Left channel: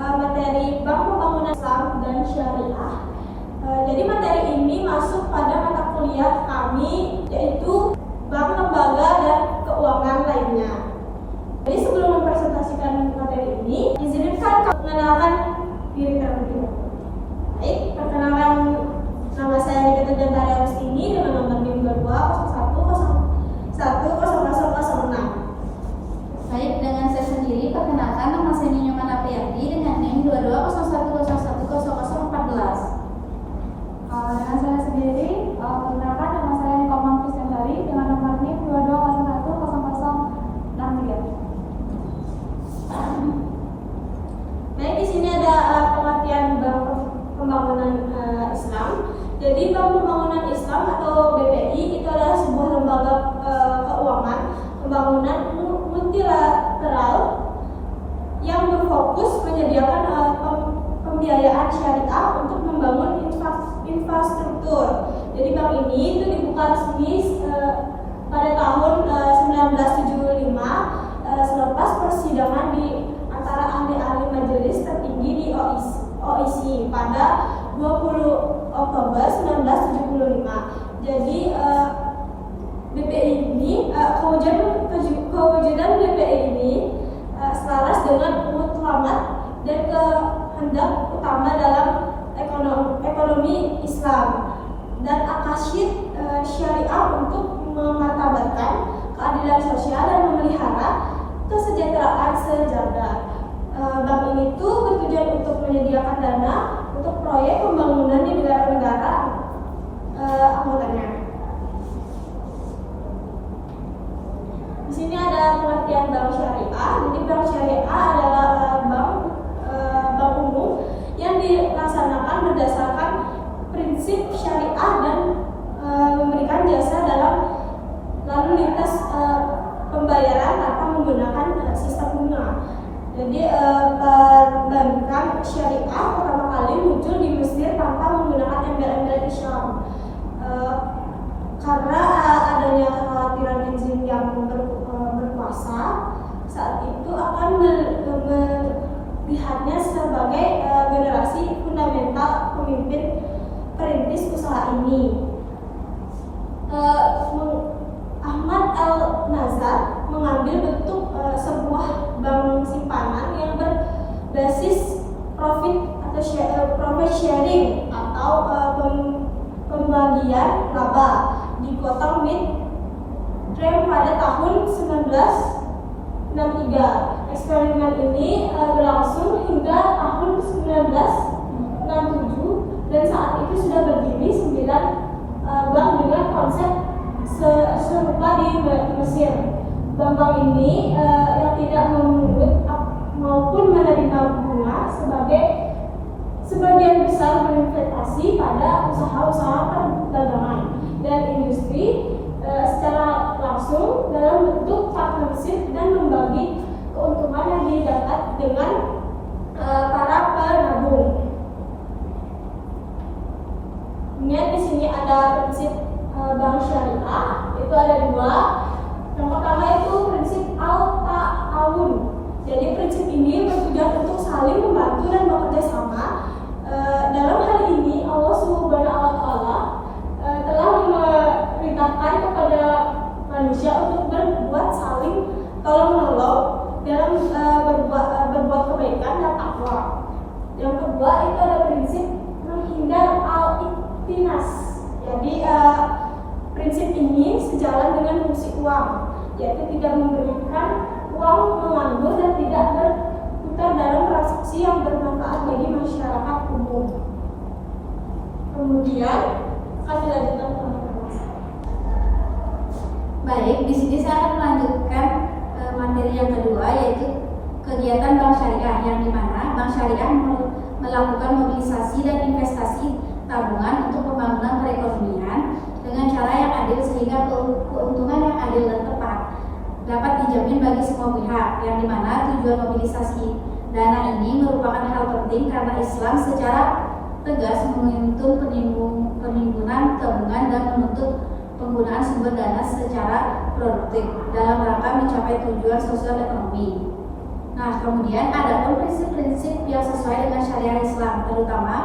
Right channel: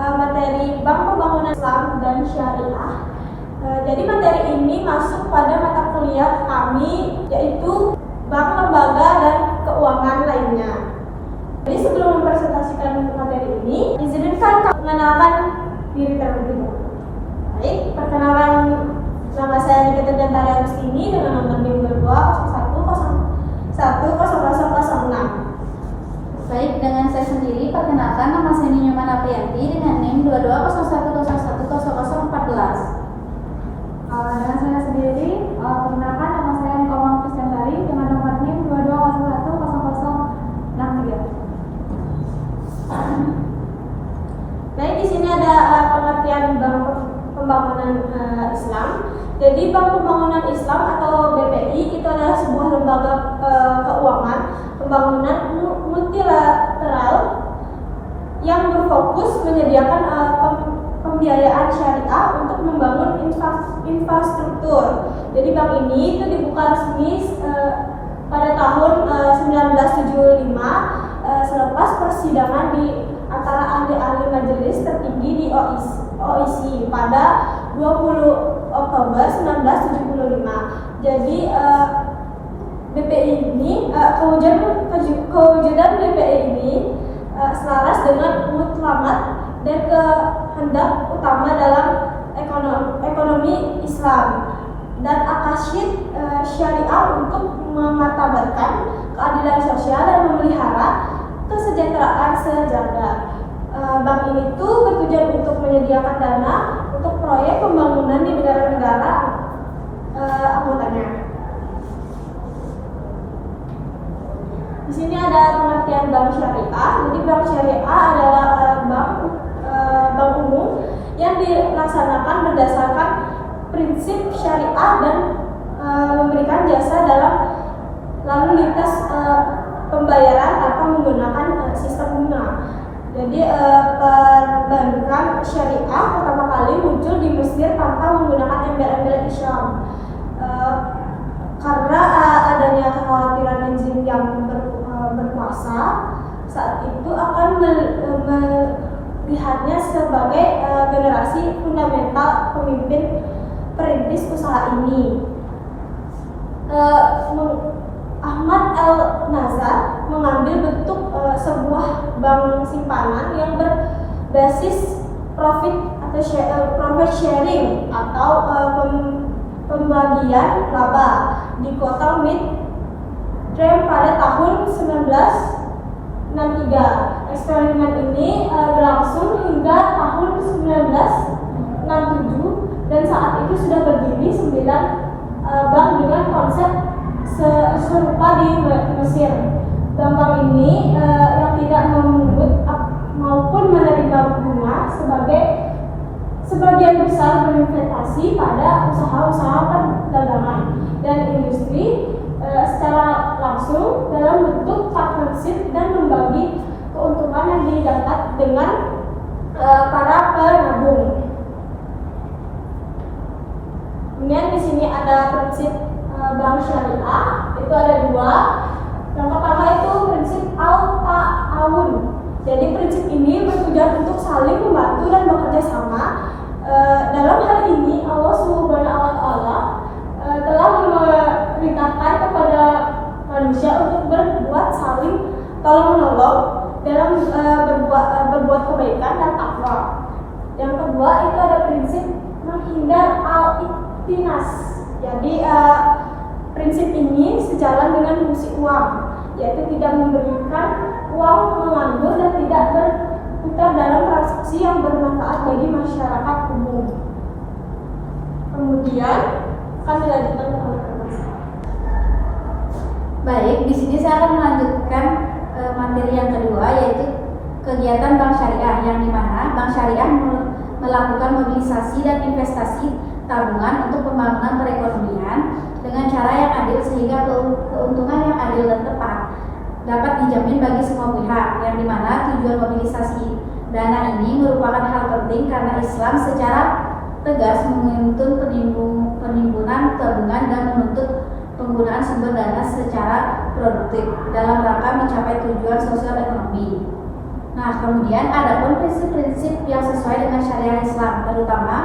materi Bank Pembangunan Islam dan Syariah. Jadi materi ini masuk pada mata kuliah kami, yaitu bank, lembaga, dan keuangan lainnya. Jadi sebelum mempresentasikan materi ini, izinkan kami mengenalkan diri terlebih dahulu. Baik, perkenalan, nama saya Nikita Dantara Agustini dengan nomor NIM 2201010006. Baik, dengan saya sendiri, perkenalkan nama saya Nyoman Apriyanti dengan NIM 2201010014. Dengan saya sendiri, perkenalkan nama saya Komang Kristiantari dengan nomor NIM 22010003. Baik, di sini ada pengertian Bank Pembangunan Islam. Jadi Bank Pembangunan Islam atau BPI itu adalah sebuah lembaga keuangan pembangunan multilateral yang berfokus menyediakan pembiayaan syariah untuk membangun infrastruktur. Jadi bank ini itu dibuka resmi pada tahun 1975 selepas persidangan di antara ahli-ahli majelis tertinggi di OIC pada 20 Oktober 1975. Jadi BPI ini kewujudan BPI ini selaras dengan mutlamat dan kehendak utama dalam ekonomi Islam dan akasid syariah untuk memartabatkan keadilan sosial dan memelihara kesejahteraan sejagat. Bank ini tuh bertujuan untuk menyediakan dana untuk proyek pembangunan di negara-negara anggotanya. Di sini ada pengertian bank syariah. Jadi bank syariah adalah bank umum yang dilaksanakan berdasarkan prinsip syariah dan memberikan jasa dalam lalu lintas pembayaran tanpa menggunakan sistem bunga. Jadi perbankan syariah pertama kali muncul di Mesir tanpa menggunakan embel-embel Islam. Karena adanya kekhawatiran rezim yang berkuasa saat itu akan melihatnya sebagai generasi fundamental pemimpin perintis usaha ini. Ahmad El-Nazar mengambil bentuk sebuah bank simpanan yang berbasis profit sharing atau pembagian laba di kota Midrand pada tahun 1963. Eksperimen ini berlangsung hingga tahun 1967 dan saat itu sudah berdiri 9 bank dengan konsep serupa di Mesir. Bank-bank ini yang tidak memungut maupun menerima bunga sebagian besar berinvestasi pada usaha-usaha perdagangan dan industri secara langsung dalam bentuk partnership dan membagi keuntungan yang didapat dengan para penabung. Kemudian di sini ada prinsip bank syariah, itu ada 2. Yang pertama itu prinsip al-ta'awun. Jadi prinsip ini bertujuan untuk saling membantu dan bekerja sama. Dalam hal ini Allah Subhanahu wa Ta'ala telah memerintahkan kepada manusia untuk berbuat saling tolong menolong dalam berbuat kebaikan dan takwa. Yang kedua itu ada prinsip menghindar al-iktinas. Jadi prinsip ini sejalan dengan fungsi uang, yaitu tidak memberikan uang menganggur dan tidak berputar dalam transaksi yang bermanfaat bagi masyarakat umum. Kemudian akan dilanjutkan oleh Mas. Baik, di sini saya akan melanjutkan materi yang kedua, yaitu kegiatan bank syariah, yang dimana bank syariah melakukan mobilisasi dan investasi tabungan untuk pembangunan perekonomian dengan cara yang adil sehingga keuntungan yang adil dan tepat dapat dijamin bagi semua pihak, yang dimana tujuan mobilisasi dana ini merupakan hal penting karena Islam secara tegas menuntun penimbunan tabungan dan menuntut penggunaan sumber dana secara produktif dalam rangka mencapai tujuan sosial ekonomi. Nah, kemudian ada pun prinsip-prinsip yang sesuai dengan syariah Islam, terutama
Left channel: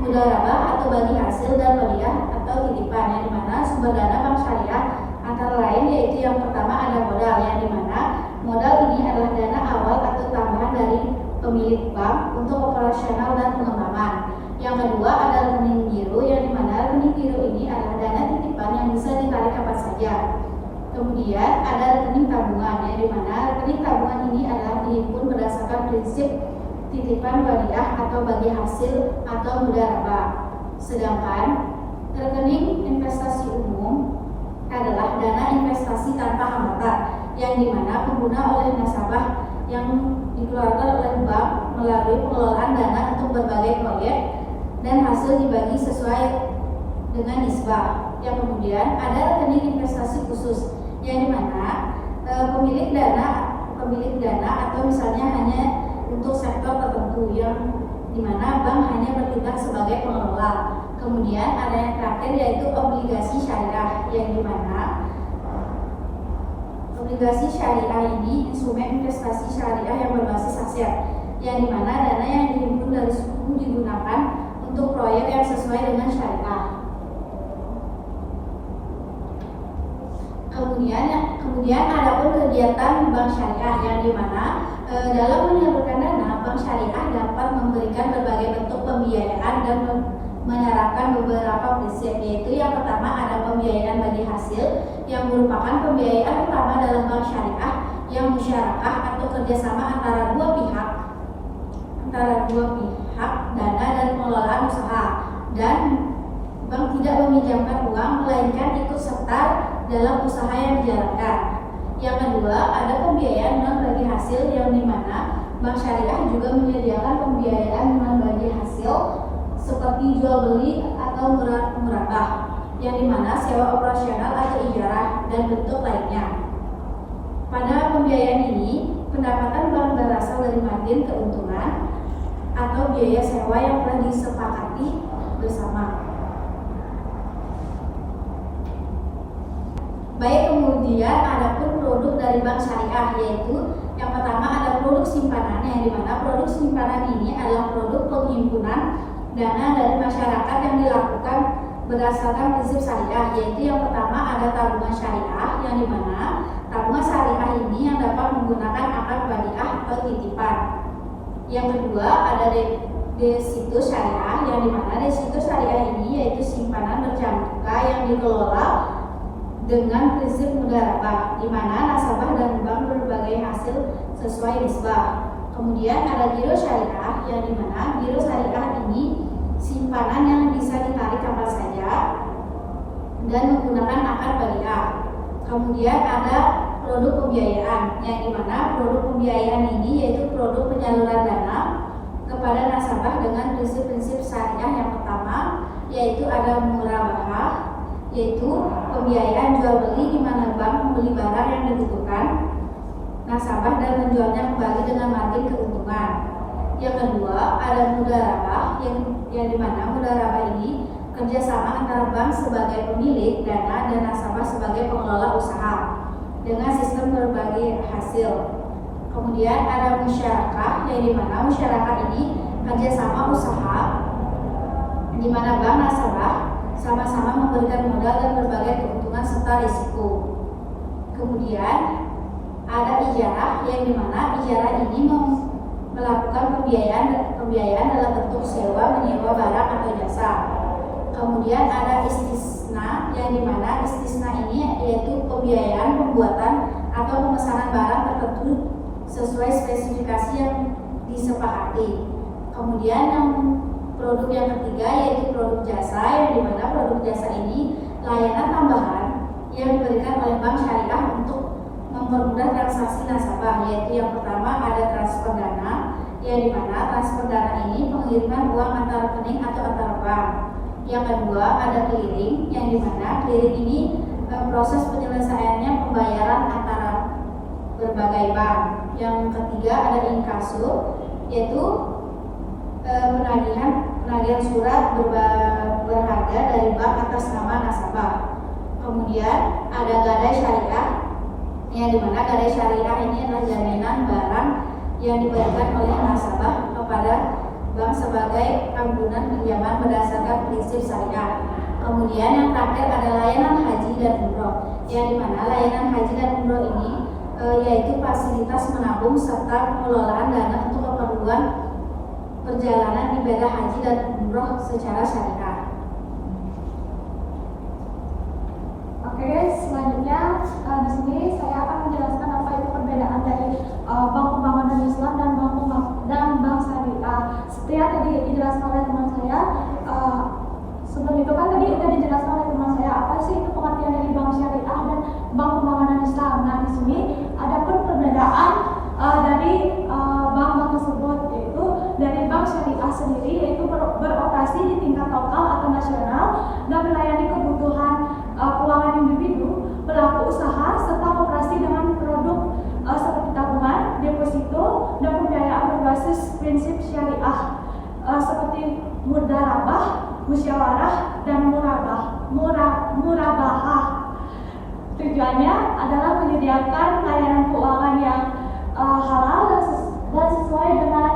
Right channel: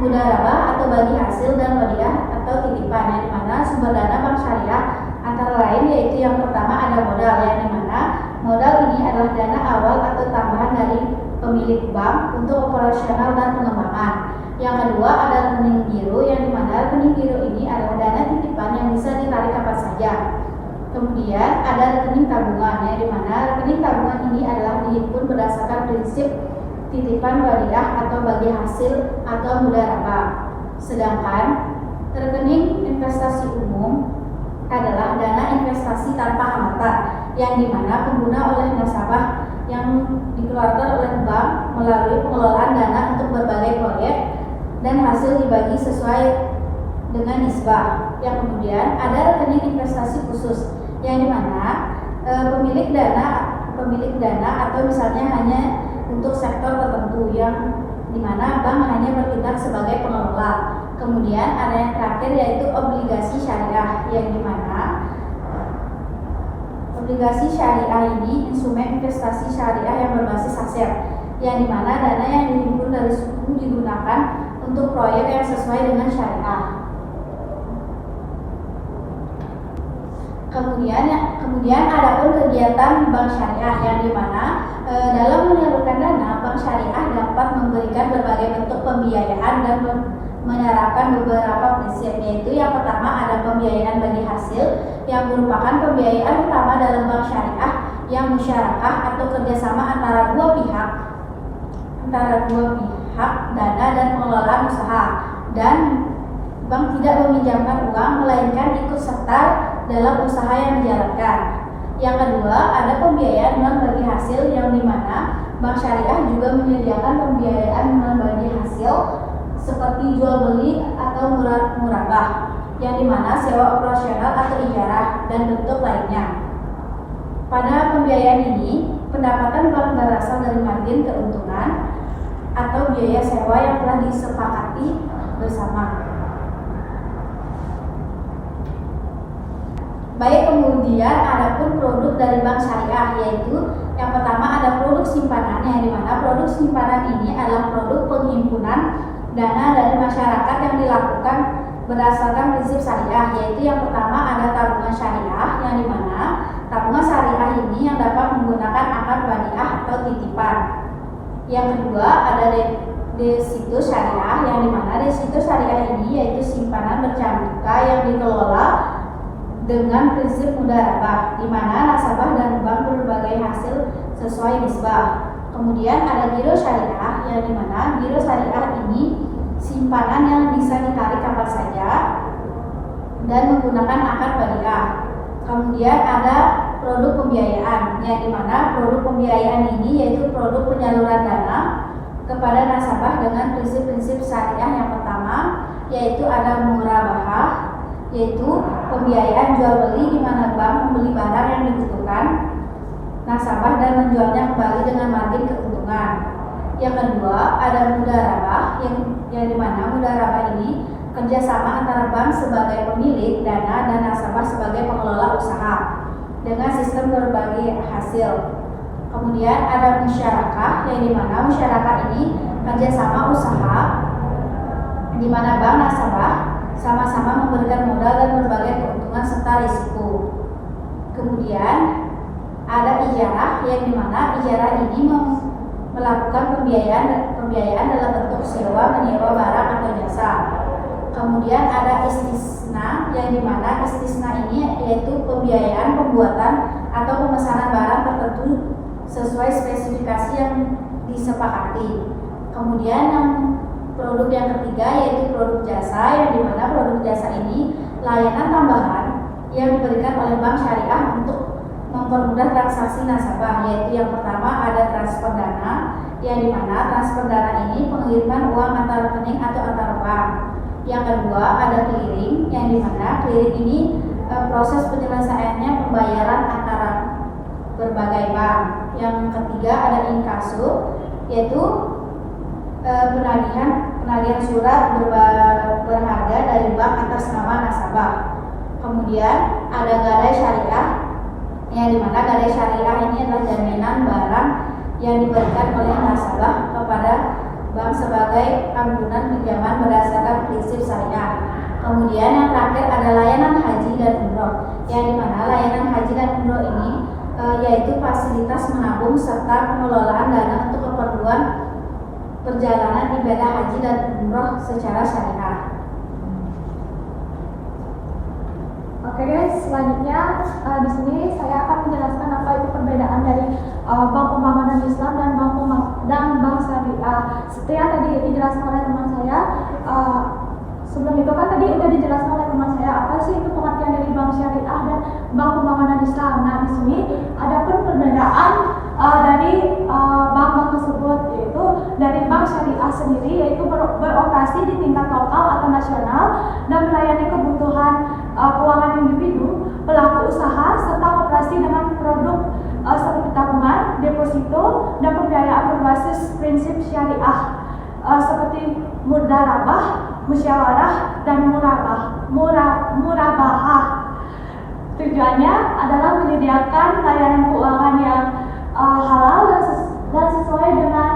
mudharabah atau bagi hasil dan wadiah atau titipan, yang dimana sumber dana bank syariah antara lain yaitu yang pertama ada modal, yang dimana modal ini adalah dana awal atau tambahan dari pemilik bank untuk operasional dan pengembangan. Yang kedua ada rekening giro, yang dimana rekening giro ini adalah dana titipan yang bisa ditarik kapan saja. Kemudian ada rekening tabungan, yang dimana rekening tabungan ini adalah dihimpun berdasarkan prinsip titipan wadiah atau bagi hasil atau mudharabah. Sedangkan rekening investasi umum adalah dana investasi tanpa hambatan, yang dimana pengguna oleh nasabah yang dikeluarkan oleh bank melalui pengelolaan dana untuk berbagai proyek dan hasil dibagi sesuai dengan nisbah. Yang kemudian ada rekening investasi khusus, yang dimana pemilik dana atau misalnya hanya untuk sektor tertentu, yang dimana bank hanya bertindak sebagai pengelola. Kemudian ada yang terakhir yaitu obligasi syariah, yang dimana obligasi syariah ini instrumen investasi syariah yang berbasis aset, yang dimana dana yang dihimpun dari suku digunakan untuk proyek yang sesuai dengan syariah. Kemudian ada pun kegiatan bank syariah, yang dimana dalam menyalurkan dana, bank syariah dapat memberikan berbagai bentuk pembiayaan dan menerapkan beberapa prinsip, yaitu yang pertama ada pembiayaan bagi hasil, yang merupakan pembiayaan utama dalam bank syariah yang musyarakah atau kerjasama antara dua pihak dana dan pengelolaan usaha, dan bank tidak meminjamkan uang melainkan ikut serta dalam usaha yang dijalankan. Yang kedua ada pembiayaan non bagi hasil, yang dimana bank syariah juga menyediakan pembiayaan non bagi hasil seperti jual beli atau murabah, yang dimana sewa operasional atau ijarah dan bentuk lainnya. Pada pembiayaan ini pendapatan bank berasal dari margin keuntungan atau biaya sewa yang telah disepakati bersama. Baik, kemudian ada pun produk dari bank syariah, yaitu yang pertama ada produk simpanan, yang dimana produk simpanan ini adalah produk penghimpunan dana dari masyarakat yang dilakukan berdasarkan prinsip syariah, yaitu yang pertama ada tabungan syariah, yang dimana tabungan syariah ini yang dapat menggunakan akad wadiah atau titipan. Yang kedua ada deposito syariah, yang dimana deposito syariah ini yaitu simpanan berjangka yang dikelola dengan prinsip mudharabah, di mana nasabah dan bank berbagai hasil sesuai nisbah. Kemudian ada giro syariah, yang dimana giro syariah ini simpanan yang bisa ditarik kapan saja dan menggunakan akad wadiah. Kemudian ada produk pembiayaan, yang dimana produk pembiayaan ini yaitu produk penyaluran dana kepada nasabah dengan prinsip-prinsip syariah. Yang pertama yaitu ada murabahah, yaitu pembiayaan jual beli, di mana bank membeli barang yang dibutuhkan nasabah dan menjualnya kembali dengan margin keuntungan. Yang kedua ada mudharabah, yang dimana mudharabah ini kerjasama antara bank sebagai pemilik dana dan nasabah sebagai pengelola usaha dengan sistem berbagi hasil. Kemudian ada musyarakah, yang dimana musyarakah ini kerjasama usaha, di mana bank nasabah sama-sama memberikan modal dan berbagai keuntungan serta risiko. Kemudian ada ijarah, yang dimana ijarah ini melakukan pembiayaan dalam bentuk sewa menyewa barang atau jasa. Kemudian ada istisna, yang dimana istisna ini yaitu pembiayaan pembuatan atau pemesanan barang tertentu sesuai spesifikasi yang disepakati. Kemudian yang produk yang ketiga yaitu produk jasa, yang dimana produk jasa ini layanan tambahan yang diberikan oleh bank syariah untuk mempermudah transaksi nasabah, yaitu yang pertama ada transfer dana, yang dimana transfer dana ini pengiriman uang antar rekening atau antar bank. Yang kedua ada clearing, yang dimana clearing ini proses penyelesaiannya pembayaran antara berbagai bank. Yang ketiga ada inkaso, yaitu penagihan surat berharga dari bank atas nama nasabah. Kemudian ada gadai syariah, yang dimana gadai syariah ini adalah jaminan barang yang diberikan oleh nasabah kepada bank sebagai amdunan pinjaman berdasarkan prinsip syariah. Kemudian yang terakhir ada layanan haji dan umroh, yang dimana layanan haji dan umroh ini yaitu fasilitas menabung serta pengelolaan dana untuk keperluan perjalanan ibadah haji dan umroh secara syariah. Oke guys, selanjutnya di sini saya akan menjelaskan apa itu perbedaan dari Bank Pembangunan Islam dan Bank Syariah. Seperti yang tadi dijelaskan oleh teman saya, sebelum itu kan tadi udah dijelaskan oleh teman saya apa sih itu pengertian dari Bank Syariah dan Bank Pembangunan Islam. Nah di sini ada pun perbedaan dari bank-bank tersebut, yaitu dari Bank Syariah sendiri yaitu beroperasi di tingkat lokal atau nasional dan melayani kebutuhan keuangan individu, pelaku usaha, serta operasi dengan produk seperti tabungan, deposito, dan pembiayaan berbasis prinsip syariah seperti mudharabah, musyawarah, dan murabahah. Tujuannya adalah menyediakan layanan keuangan yang halal dan sesuai dengan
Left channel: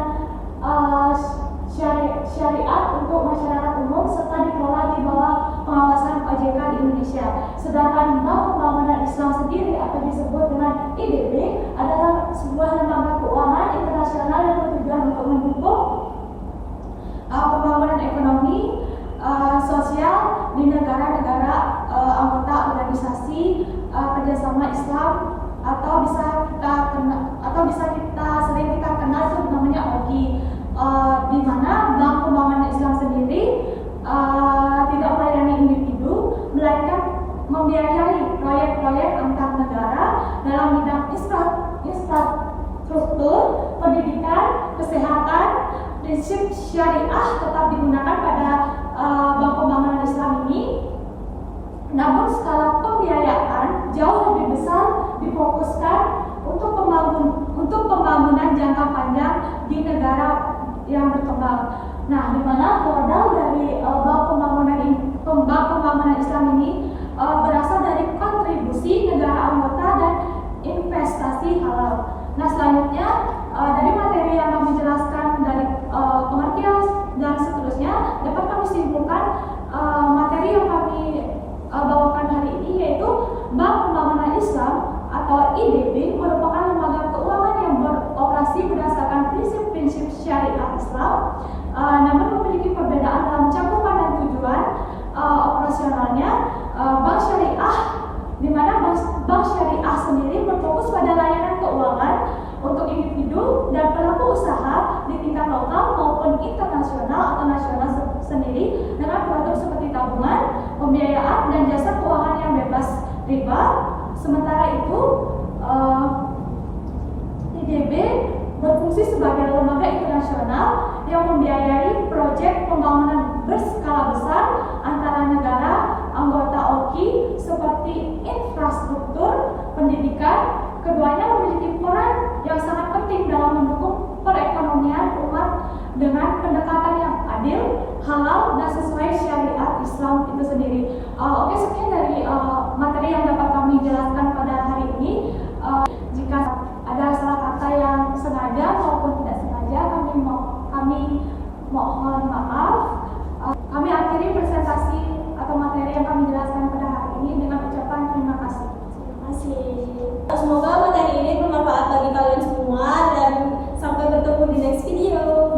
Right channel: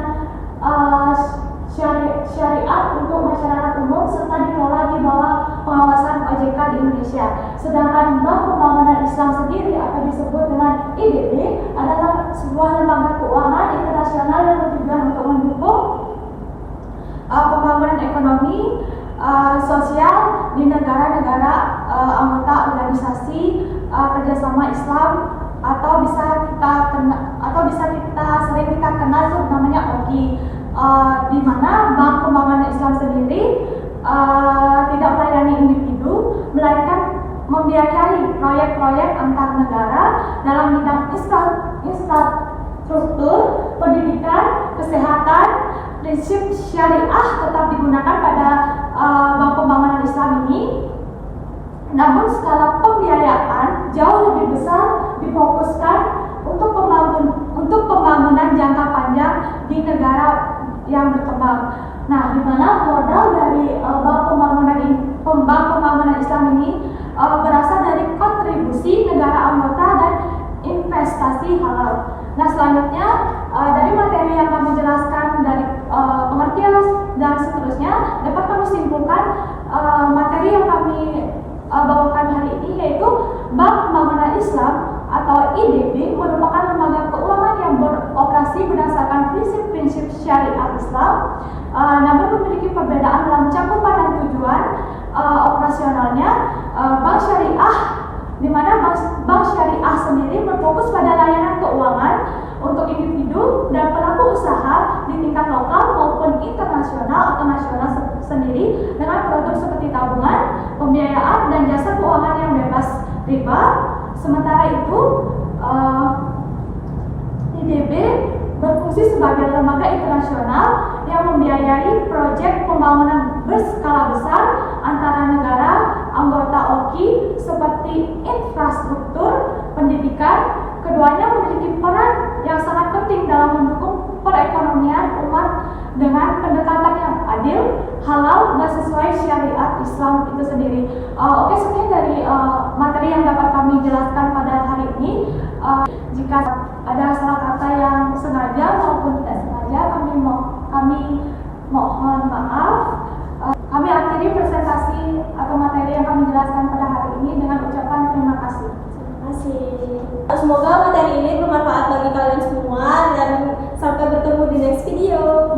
syariat untuk masyarakat umum serta dikelola di bawah pengawasan OJK di Indonesia. Sedangkan Bank Pembangunan Islam sendiri atau disebut dengan IDB adalah sebuah lembaga keuangan internasional yang bertujuan untuk mendukung pembangunan ekonomi sosial di negara-negara anggota organisasi kerjasama Islam atau bisa kita sering kita kenal namanya OGI, di mana Bank Pembangunan Islam sendiri tidak melayani individu melainkan membiayai proyek-proyek antar negara dalam bidang infrastruktur, pendidikan, kesehatan. Prinsip syariah tetap digunakan pada Bank Pembangunan Islam ini, namun skala pembiayaan jauh lebih besar difokuskan untuk pembangunan jangka panjang di negara yang berkembang. Nah, di mana modal dari Bank Pembangunan Islam ini berasal dari kontribusi negara anggota dan investasi halal. Nah, selanjutnya dari materi yang kami jelaskan dari pengertian dan seterusnya dapat kami simpulkan materi yang kami bawakan hari ini, yaitu Bank Pembangunan Islam atau IDB merupakan lembaga keuangan yang beroperasi berdasarkan prinsip-prinsip syariat Islam, namun memiliki perbedaan dalam cakupan dan tujuan operasionalnya. Bank Syariah, di mana Bank Syariah sendiri berfokus pada layanan keuangan untuk individu dan pelaku usaha di tingkat lokal maupun internasional atau nasional sendiri dengan produk seperti tabungan, pembiayaan, dan jasa keuangan yang bebas riba. Sementara itu, IDB berfungsi sebagai lembaga internasional yang membiayai proyek pembangunan berskala besar antara negara anggota OKI seperti infrastruktur, pendidikan. Keduanya memiliki peran yang sangat penting dalam mendukung perekonomian umat dengan pendekatan yang adil, halal, dan sesuai syariat Islam itu sendiri. Oke, sekian dari materi yang dapat kami jelaskan pada hari ini. Jika ada salah kata yang sengaja maupun tidak sengaja, kami mohon maaf. Kami akhiri presentasi atau materi yang kami jelaskan pada hari ini dengan ucapan terima kasih. Terima kasih. Semoga materi ini bermanfaat bagi kalian semua dan sampai bertemu di next video.